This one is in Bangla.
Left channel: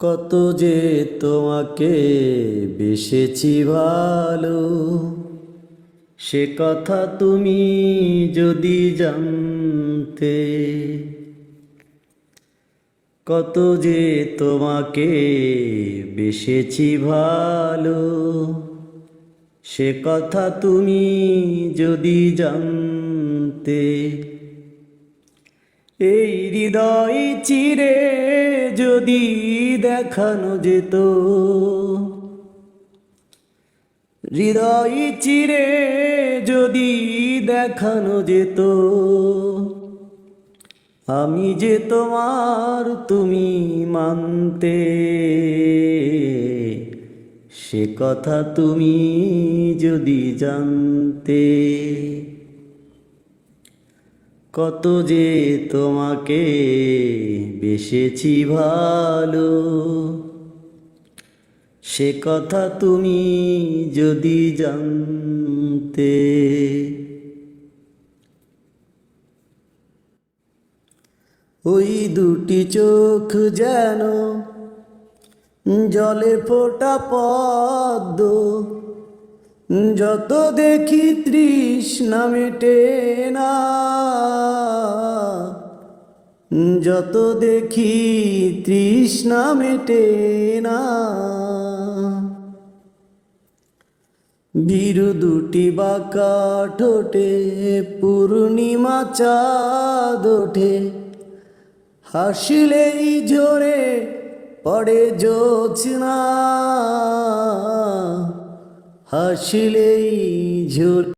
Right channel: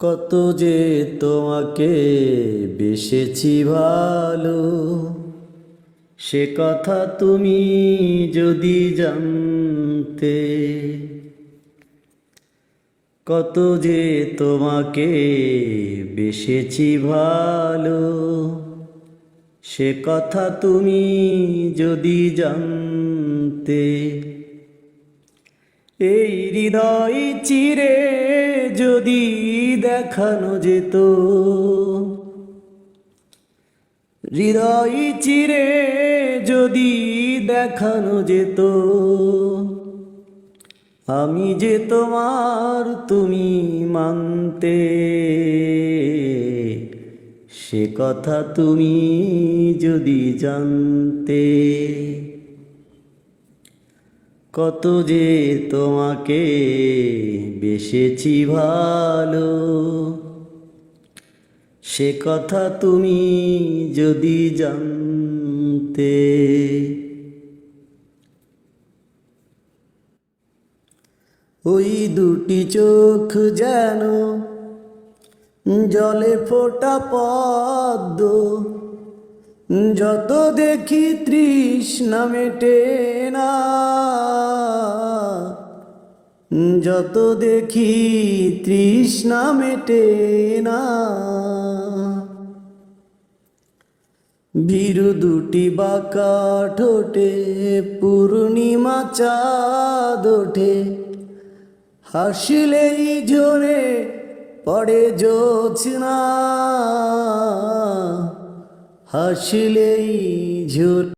কত যে তোমাকে বেসেছি ভালো, সে কথা তুমি যদি জানতে। কত যে তোমাকে বেসেছি ভালো, সে কথা তুমি যদি জানতে। এই হৃদয় চিরে যদি দেখানো যেত, হৃদয় চিরে যদি দেখানো যেত, আমি যে তোমার তুমি মানতে। সে কথা তুমি যদি জানতে। কত যে তোমাকে বেসেছি ভালো, সে কথা তুমি যদি জানতে। ওই দুটি চোখ যেন জলে ফোটা পদ্ম, যত দেখি তৃষ্ণা মেটে না, যত দেখি তৃষ্ণা মেটে না। ভীরু দুটি বাঁকা ঠোঁটে পূর্ণিমা চাঁদ ওঠে, হাসিলেই জোরে পড়ে জ্যোৎস্না, হাসিলেই জোরে